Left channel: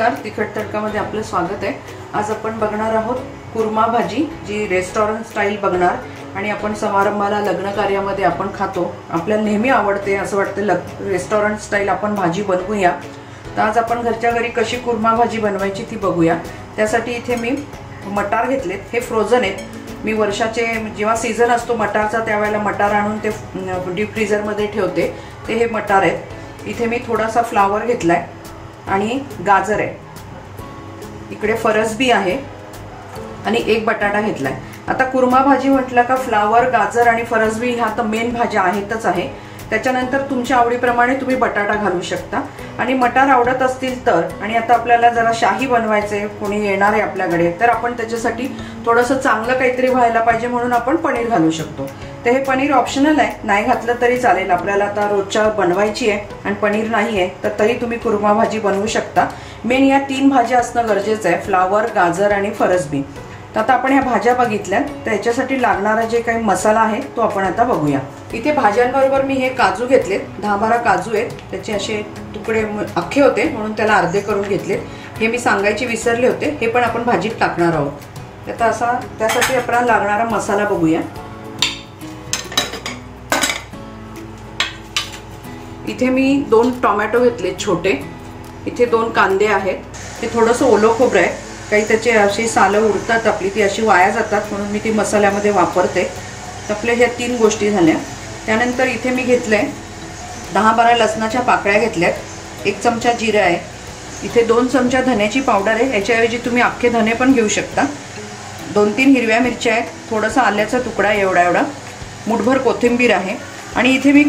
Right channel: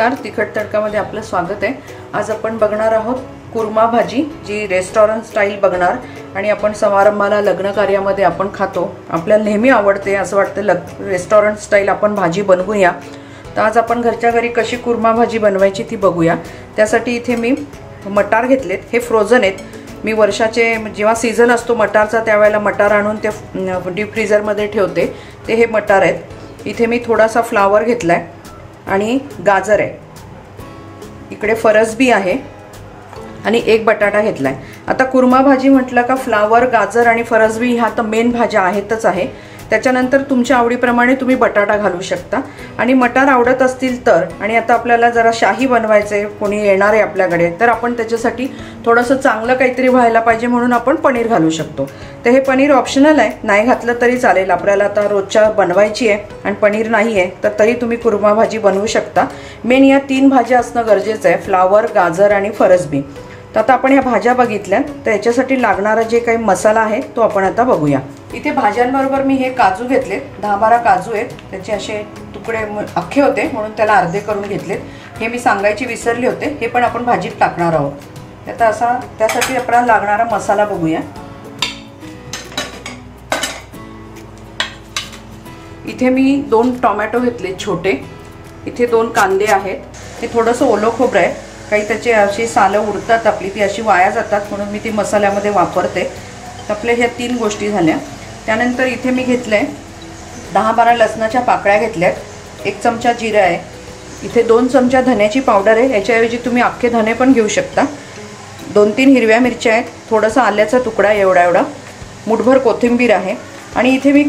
नमस्कार, तिखट तडकामध्ये आपलं स्वागत आहे। आज आपण बघणार आहोत कुर्मा भाजी, जी रेस्टॉरंट स्टाईल बघणार आणि आपण समारंभाला लग्न कार्यामध्ये आपण खातो। आपल्याला नेहमी आवडते, असं वाटतं रेस्टॉरंट स्टाईल आपण भाजी बनवूया। तर आज आपण घरच्या घरी कशी कुर्मा भाजी बनवायची ती बघूया। त्यासाठी इथे मी मटार घेतलेत, हे फ्रोझन आहेत। मी वर्षाचे जेव्हा सीझन असतो मटारचा त्यावेळेला मटार आणून ते डीप फ्रीजर मध्ये ठेवते। ते हे मटार आहेत। इथे मी थोडासा फ्लावर घेतलाय आणि गाजर आहे, इकडे फरसबी आहे आणि एक बटाटा घेतलाय। आता कुर्मा भाजी म्हटलं का फ्लावर, गाजर आणि फरसबी ह्या तर मेन भाज्या आहेतच आहे। त्याच्यानंतर तुमच्या आवडीप्रमाणे तुम्ही बटाटा घालू शकता आणि मटार आवडत असतील तर। आणि आता आपल्याला जरा शाही बनवायचंय, कोणी येणार आहे आपल्याकडे, तर आपण त्याच्यासाठी थोडंसं चांगलं काहीतरी व्हायला पाहिजे म्हणून आपण पनीर घालू शकतो। तर हे पनीर ऑप्शनल आहे, नाही घातलं तरी चालेल। आपल्याला आता रोजच्या बनवायची आहे आणि पनीर नाही आहे तर तरी तुम्ही कुर्मा भाजी बनवू शकता। मेन या 3 भाज्या असणं गरजेचं आहे, फ्लावर, गाजर आणि फरसबी। तर आता आपण ह्या भाज्या बघितल्या, तर याच्यासाठी लागणारा जे काही मसाला आहे तो आपण आता बघूया। इथे भाज्यांबरोबर मी हे काजू घेतले, 10-12 काजू आहेत। त्याचे असे तुकडे अख्खे होते म्हणून त्याला अर्धे करून घेतले। हे मी सांगायचे विसरले होते, हे पण आपण भाजीत टाकणार आहोत। आता असा त्यासाठी आपल्याला लागणारा मसाला बघूया। इथे मी 2 टोमॅटो घेतले छोटे, इथे 2 कांदे आहेत, हे थोडंसं ओलं खोबरं आहे। काही त्याचे अशी सालं उरतात आपली, ती अशी वाया जातात म्हणून मी ती मसाल्यामध्ये वापरते। आपल्या ह्या 3 गोष्टी झाल्या। त्यानंतर इथे मी घेतलंय 10-12 लसणाच्या पाकळ्या घेतल्यात, 1 चमचा जिरा आहे, इथे 2 चमचा धन्याची पावडर आहे, याच्याऐवजी तुम्ही अख्खे धने पण घेऊ शकता। 2-3 हिरव्या मिरच्या आहेत, थोडासा आल्याचा तुकडा एवढा, मुठभर कोथिंबीर आहे। आणि इथे मी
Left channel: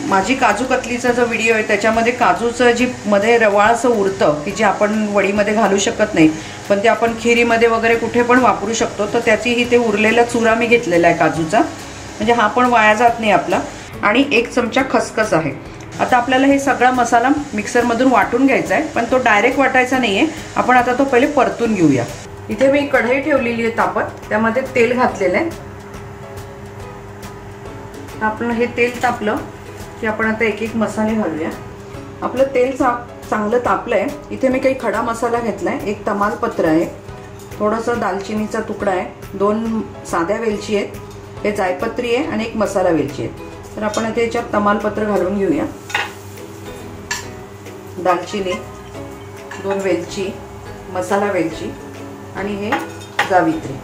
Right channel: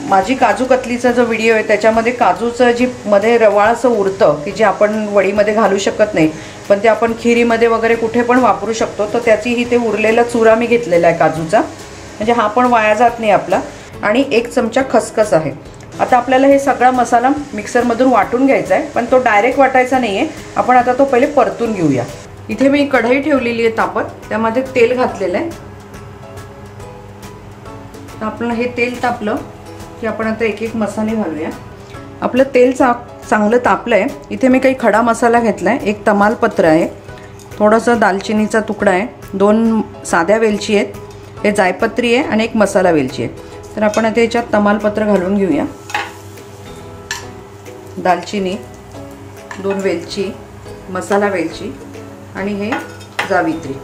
माझी काजू कतलीचा जो व्हिडिओ आहे त्याच्यामध्ये काजूचं जी मध्ये रवाळ असं उरतं की जे आपण वडीमध्ये घालू शकत नाही, पण ते आपण खिरीमध्ये वगैरे कुठे पण वापरू शकतो। तर त्याचीही ते उरलेला चुरा मी घेतलेला आहे काजूचा, म्हणजे हा पण वाया जात नाही आपला। आणि 1 चमचा खसखस आहे। आता आपल्याला हे सगळा मसाला मिक्सरमधून वाटून घ्यायचा आहे, पण तो डायरेक्ट वाटायचा नाहीये, आपण आता तो पहिले परतून घेऊया। इथे मी कढई ठेवलेली आहे तापत, त्यामध्ये तेल घातलेलं आहे। आपलं हे तेल तापलं की आपण आता एक मसाले घालूया। आपलं तेल चांगलं तापलंय। इथे मी काही खडा मसाला घेतलाय, 1 तमालपत्र आहे, थोडासा दालचिनीचा तुकडा आहे, 2 साध्या वेलची आहेत, हे जायपत्री आहे आणि 1 मसाला वेलची आहे। तर आपण आता याच्यात तमालपत्र घालून घेऊया, दालचिनी, 2 वेलची, मसाला वेलची आणि हे जावित्री।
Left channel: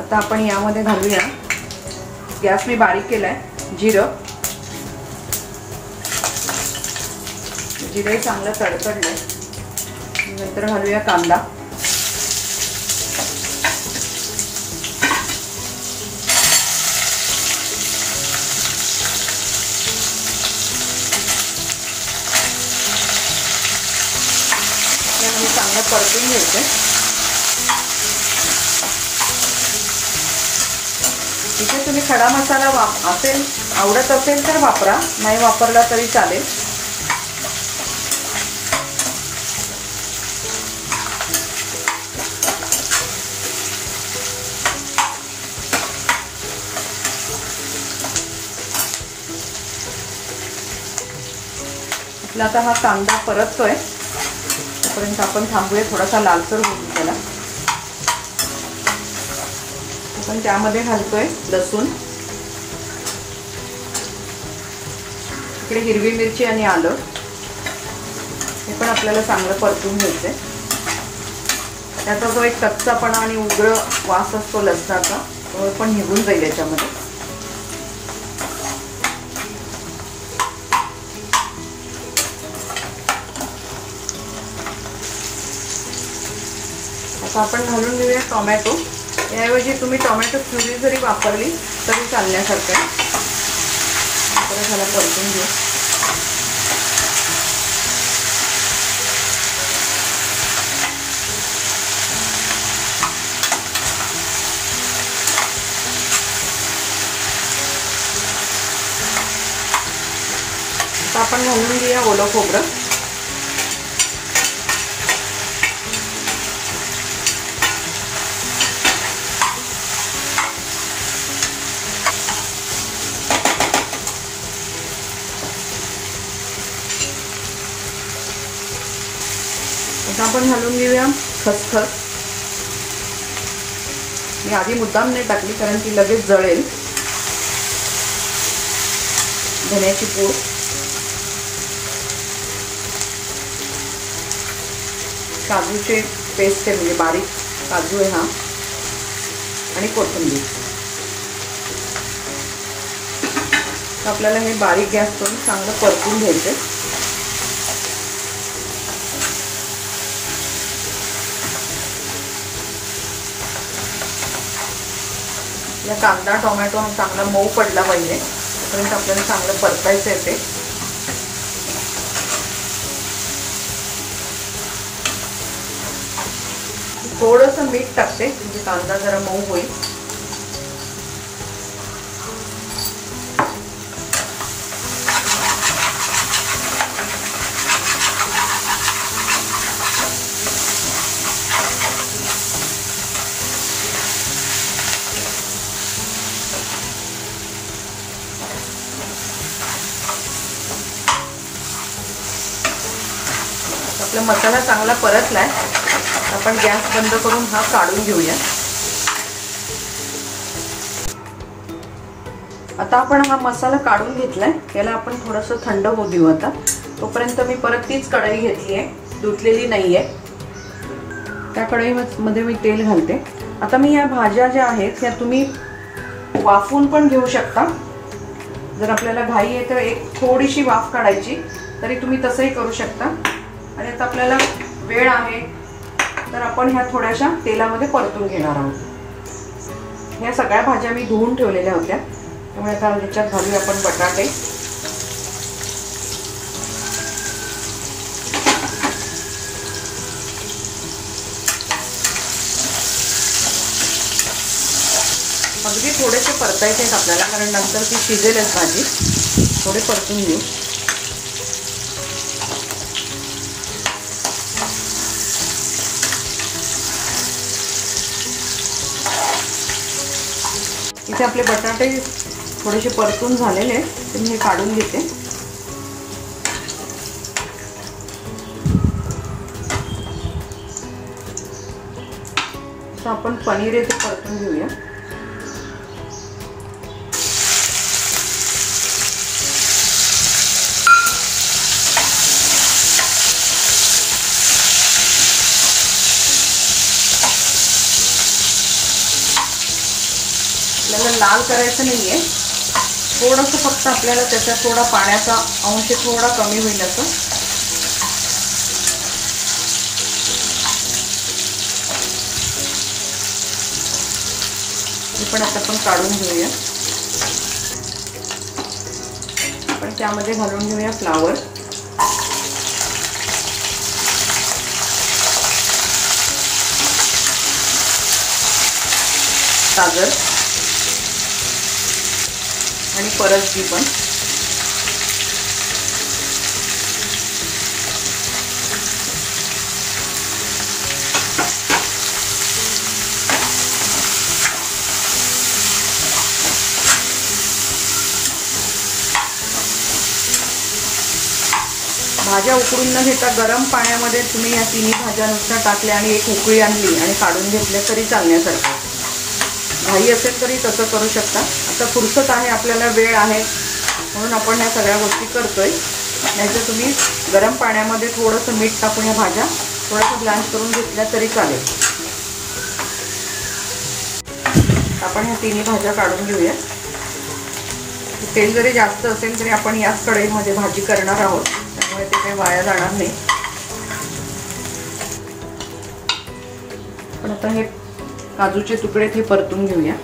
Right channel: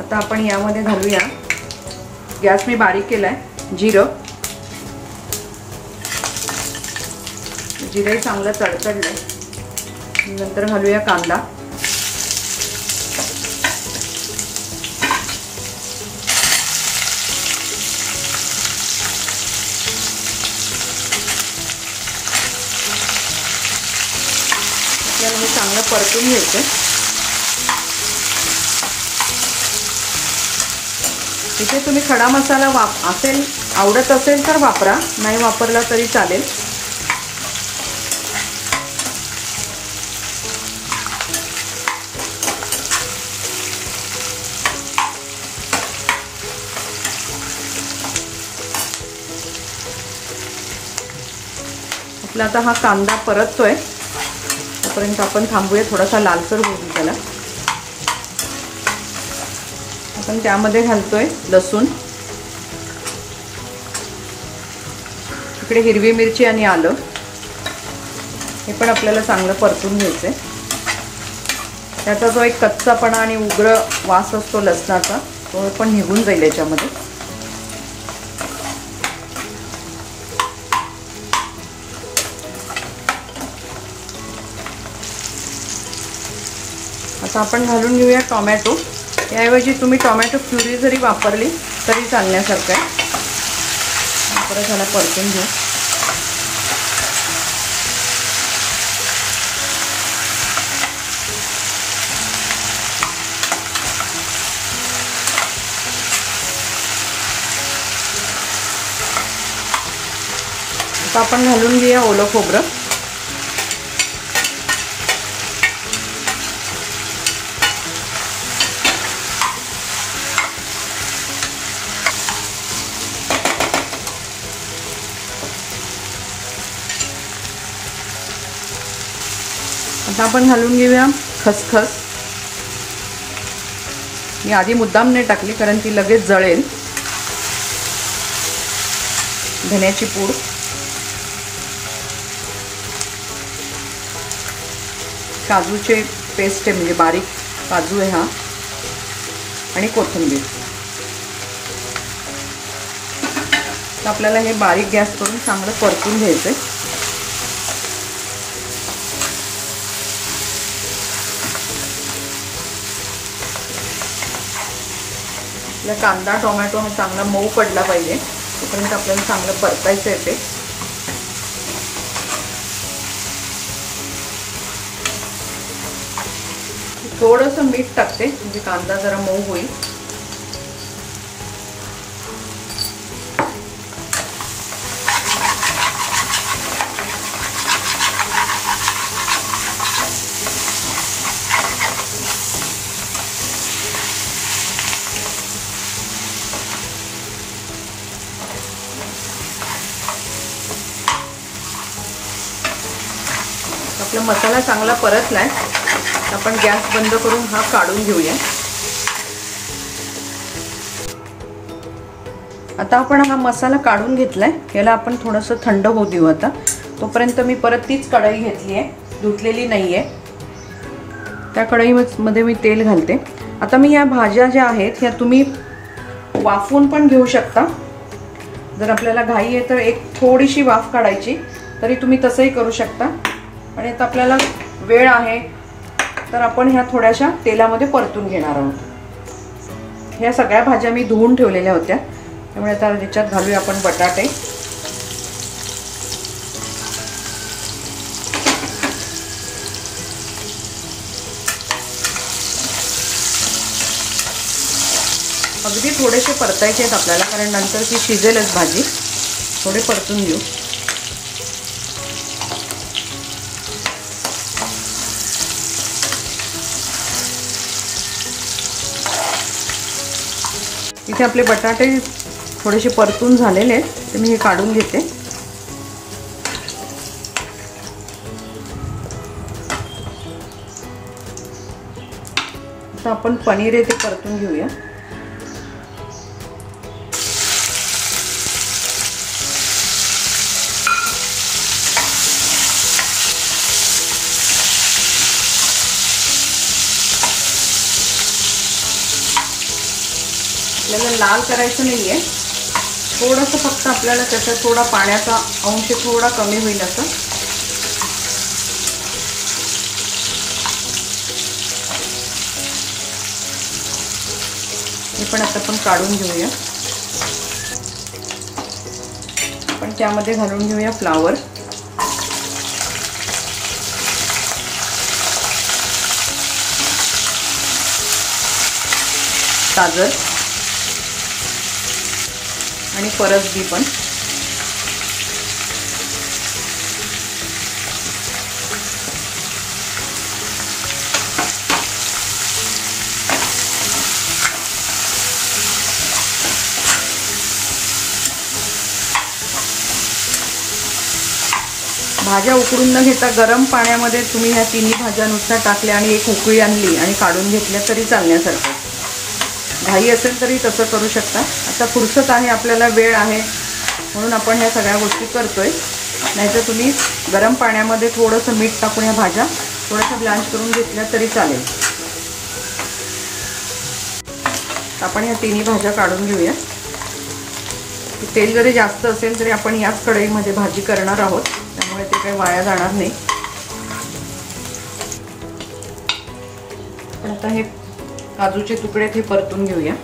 आता आपण यामध्ये घालूया, गॅस मी बारीक केलाय, जिरं चांगलं तडतडलंय। नंतर घालूया कांदा, यामध्ये चांगलं परतून घ्यायचं। इथे तुम्ही खडा मसाला आवडत असेल तर वापरा, नाही वापरला तरी चालेल। आपला आता हा कांदा परततोय, तोपर्यंत आपण थांबूया, थोडासा लालसर होईल त्याला। आपण त्यामध्ये घालतोय लसूण, इकडे हिरवी मिरची आणि आलं, हे पण आपल्याला चांगलं परतून घ्यायचंय। त्याचा जो एक कच्चापणा आणि उग्र वास असतो लसणाचा, तो पण निघून जाईल याच्यामध्ये। आता आपण घालून घेऊया टोमॅटो, याऐवजी तुम्ही टोमॅटो प्युरी जरी वापरली तरी चालण्यासारखं आहे। परत ह्याला परतून घेऊ। आता आपण घालून घेऊया ओलं खोबरं, आपण घालून घेऊया खसखस. मी आधी मुद्दाम नाही टाकली कारण ती लगेच जळेल. धण्याची पूड, काजूचे पेस्ट आहे म्हणजे बारीक काजू आहे हा, आणि कोथिंबीर. आपल्याला हे बारीक गॅस करून चांगलं परतून घ्यायचंय. आपला कांदा टोमॅटो हा चांगला मऊ पडला पाहिजे, तोपर्यंत आपल्याला चांगलं परतायचं आहे ते. थोडंसं मीठ टाकते म्हणजे कांदा जरा मऊ होईल. आपला मसाला चांगला परतलाय. आपण गॅस बंद करून हा काढून घेऊया. आता आपण हा मसाला काढून घेतलाय. याला आपण थोडंसं थंड होऊ देऊ. आता तोपर्यंत मी परत तीच कढई घेतली आहे, धुतलेली नाहीये. त्या कढईमध्ये मी तेल घालते. आता मी या भाज्या ज्या आहेत ह्या तुम्ही वाफून पण घेऊ शकता. जर आपल्याला घाई आहे तर एक थोडीशी वाफ काढायची, तरी तुम्ही तसंही करू शकता. आणि आता आपल्याला वेळ आहे तर आपण ह्या थोड्याशा तेलामध्ये परतून घेणार आहोत. ह्या सगळ्या भाज्या मी धुवून ठेवलेल्या होत्या, त्यामुळे आता ह्याच्यात घालूया आपण बटाटे. अगदी थोडेसे परतायचे आहेत आपल्याला, कारण नंतर ती शिजेलच भाजी. थोडे परतून घेऊ. इथे आपले बटाटे थोडेसे परतून झालेले आहेत, तर मी हे काढून घेते. आता आपण पनीर आहे ते परतून घेऊया. आपल्याला लाल करायचं नाहीये, थोडंसं फक्त आपल्याला त्याचा थोडा पाण्याचा अंश थोडा कमी होईल असं. हे पण आता आपण काढून घेऊया. आपण त्यामध्ये घालून घेऊया फ्लावर. गाजर आणि परसबी पण. भाज्या उकळून न घेता गरम पाण्यामध्ये तुम्ही ह्या तिन्ही भाज्या नुसत्या टाकल्या आणि एक उकळी आणली आणि काढून घेतल्या तरी चालण्यासारखं. घाई असेल तरी तसं करू शकता. आता फुरसत आहे, आपल्याला वेळ आहे म्हणून आपण ह्या सगळ्या गोष्टी करतोय. नाहीतर तुम्ही गरम पाण्यामध्ये थोडंसं मीठ टाकून ह्या भाज्या थोड्याशा ब्लँच करून घेतल्या तरी चालेल. आपण ह्या तिन्ही भाज्या काढून घेऊया. तेल जरी जास्त असेल तरी आपण याच कढईमध्ये भाजी करणार आहोत, त्यामुळे ते काही वाया जाणार नाही. पण आता हे काजूचे तुकडे ते परतून घेऊया.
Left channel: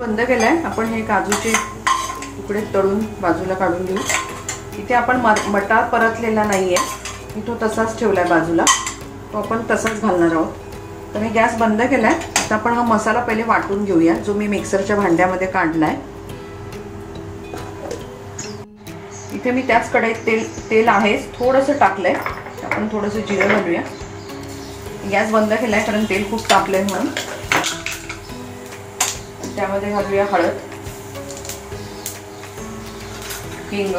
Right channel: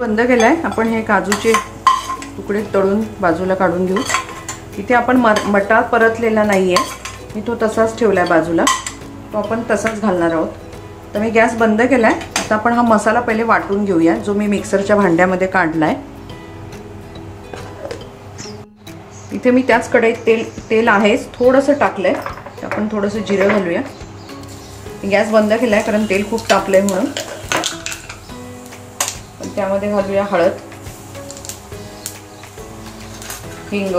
बंद केलाय. आपण हे काजूचे तुकडे तळून बाजूला काढून घेऊ. इथे आपण मटार परतलेला नाहीये, मी तो तसाच ठेवलाय बाजूला, तो आपण तसाच घालणार आहोत. तर मी गॅस बंद केलाय. आता आपण हा मसाला पहिले वाटून घेऊया, जो मी मिक्सरच्या भांड्यामध्ये काढलाय. इथे मी त्याच कढईत तेल आहेच, थोडंसं टाकलंय. आपण थोडंसं जिरं घालूया. गॅस बंद केलाय कारण तेल खूप तापलंय म्हणून. त्यामध्ये घालूया हळद. हिंग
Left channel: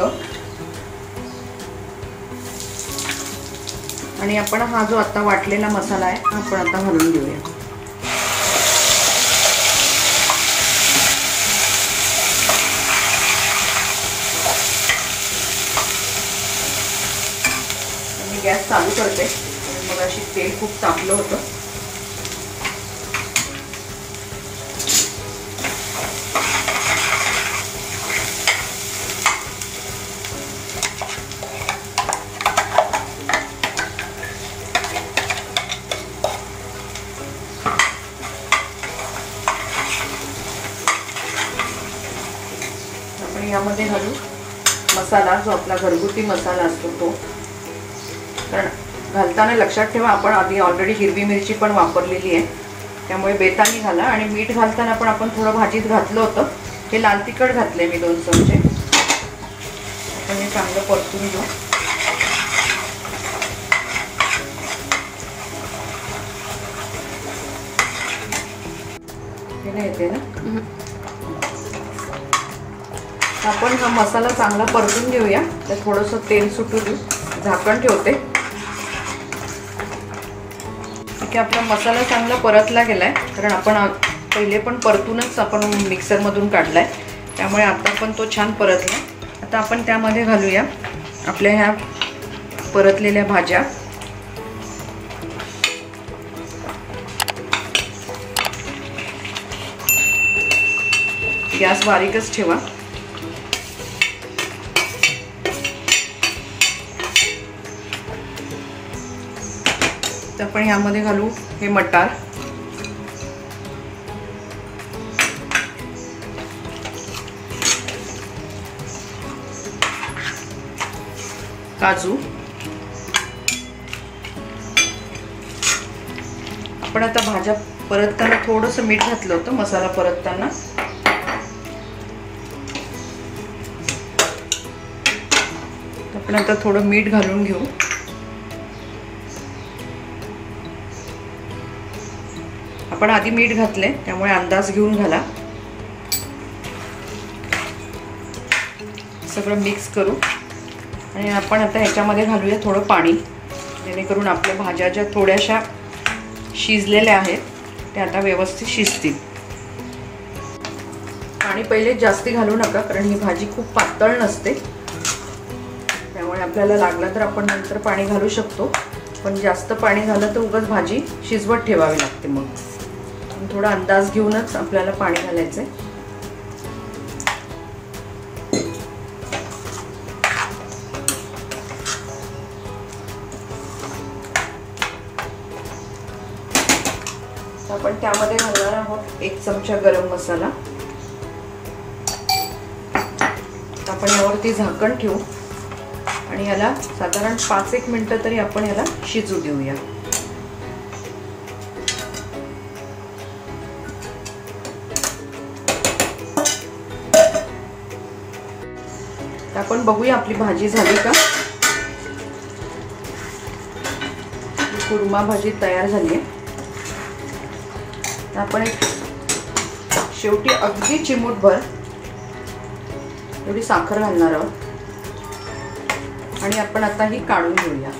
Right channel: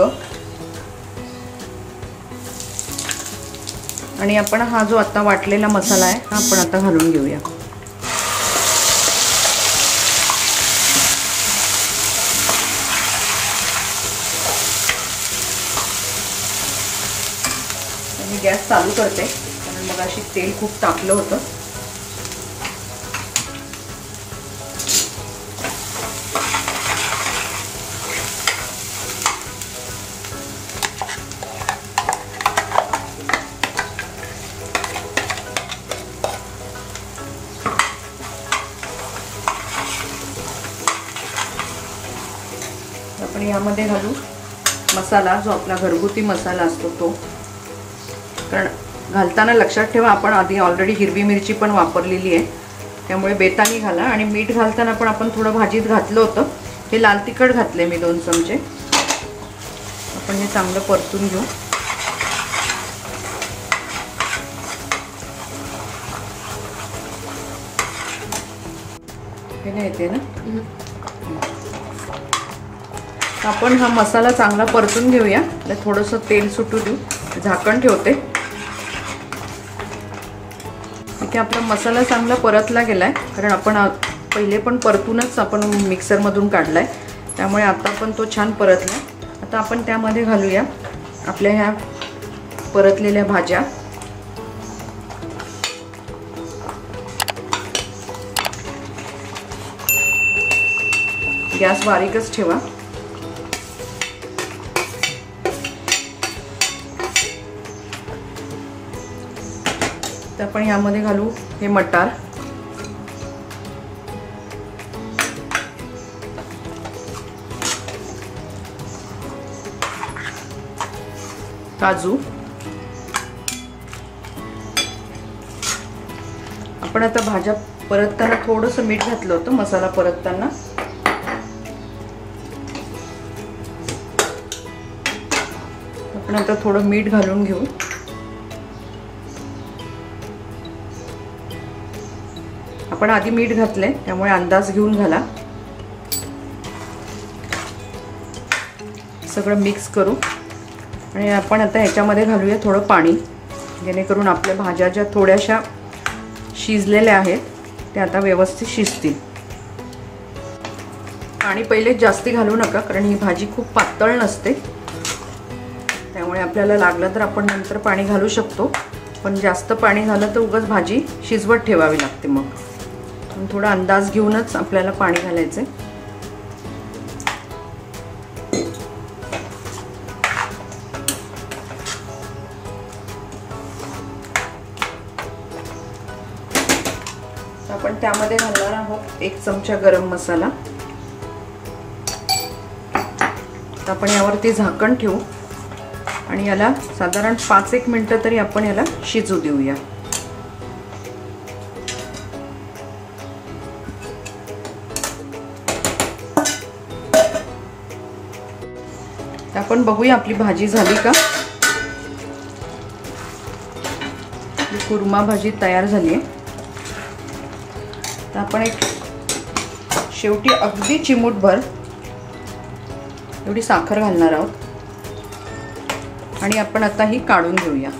आणि आपण हा जो आता वाटलेला मसाला आहे आपण आता घालून घेऊया. मी गॅस चालू करते कारण मग अशी तेल खूप तापलं होतं. आपण यामध्ये घालू मसाला, जो आपला घरगुती मसाला असतो तो. कारण घालताना लक्षात ठेवा आपण आधी ऑलरेडी हिरवी मिरची पण वापरलेली आहे, त्यामुळे बेतानी घाला. आणि मीठ घालताना पण आपण थोडं भाजीत घातलं होतं. हे लाल तिखट घातले मी 2 चमचे. आपण हे चांगलं परतून घेऊ. हे नाही येते ना. आपण हा मसाला चांगला परतून घेऊया. तर थोडंसं तेल सुटू देऊ. झाकण ठेवते. ठीक आहे, आपला मसाला चांगला परतला गेलाय कारण आपण पहिले पण परतूनच आपण मिक्सरमधून काढलाय, त्यामुळे आता पण तो छान परतला. आता आपण त्यामध्ये घालूया आपल्या ह्या परतलेल्या भाज्या. गॅस बारीकच ठेवा. तर आपण ह्यामध्ये घालू हे मटार, काजू. आपण आता भाज्या परतताना थोडंसं मीठ घातलं होतं मसाला परतताना. आपण आता थोडं मीठ घालून घेऊ. आपण आधी मीठ घातले त्यामुळे अंदाज घेऊन घाला. सगळं मिक्स करू आणि आपण आता ह्याच्यामध्ये घालूया थोडं पाणी, जेणेकरून आपल्या भाज्या ज्या थोड्याशा शिजलेल्या आहेत त्या आता व्यवस्थित शिजतील. पाणी पहिले जास्ती घालू नका कारण ही भाजी खूप पातळ नसते, त्यामुळे आपल्याला लागलं तर आपण नंतर पाणी घालू शकतो. पण जास्त पाणी झालं तर उगाच भाजी शिजवत ठेवावी लागते. मग थोडा अंदाज घेऊनच आपल्याला पाणी घालायचं. आपण त्यामध्ये घालणार आहोत 1 चमचा गरम मसाला. आपण यावरती झाकण ठेवू आणि याला साधारण 5-1 मिनिटं तरी आपण याला शिजू देऊया. आपण बघूया आपली भाजी झाली का. कुर्मा भाजी तयार झाली आहे. आपण एक शेवटी अगदी चिमूटभर एवढी साखर घालणार आहोत आणि आपण आता ही काढून घेऊया.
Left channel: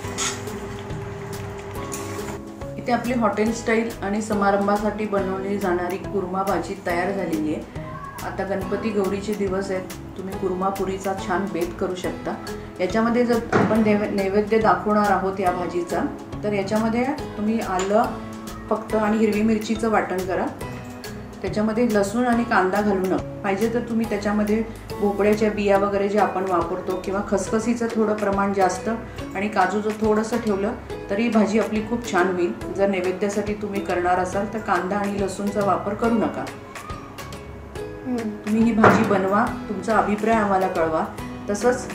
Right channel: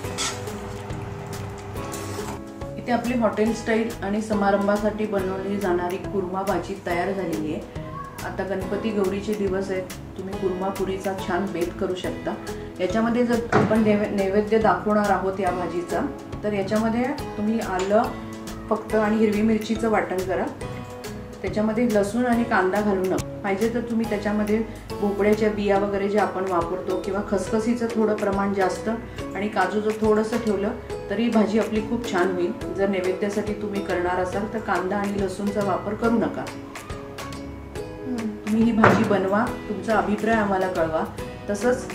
इथे आपली हॉटेल स्टाईल आणि समारंभासाठी बनवली जाणारी कुर्मा भाजी तयार झालेली आहे. आता गणपती गौरीचे दिवस आहेत. तुम्ही कुर्मापुरीचा छान बेत करू शकता. याच्यामध्ये जर आपण नैवेद्य दाखवणार आहोत या भाजीचा, तर याच्यामध्ये तुम्ही आलं फक्त आणि हिरवी मिरचीचं वाटण करा. त्याच्यामध्ये लसूण आणि कांदा घालू नका. पाहिजे तर तुम्ही त्याच्यामध्ये भोपळ्याच्या बिया वगैरे जे आपण वापरतो किंवा खसखसीचं थोडं प्रमाण जास्त आणि काजू जर थोडंसं ठेवलं तरी भाजी आपली खूप छान होईल. जर नैवेद्यासाठी तुम्ही करणार असाल तर कांदा आणि लसूणचा वापर करू नका. तुम्ही ही भाजी बनवा, तुमचा अभिप्राय आम्हाला कळवा. तसंच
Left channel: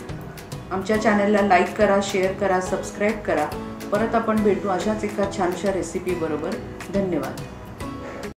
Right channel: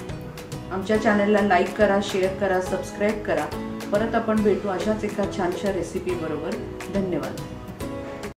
आमच्या चॅनलला लाईक करा, शेअर करा, सबस्क्राईब करा. परत आपण भेटू अशाच एका छानशा रेसिपी बरोबर. धन्यवाद.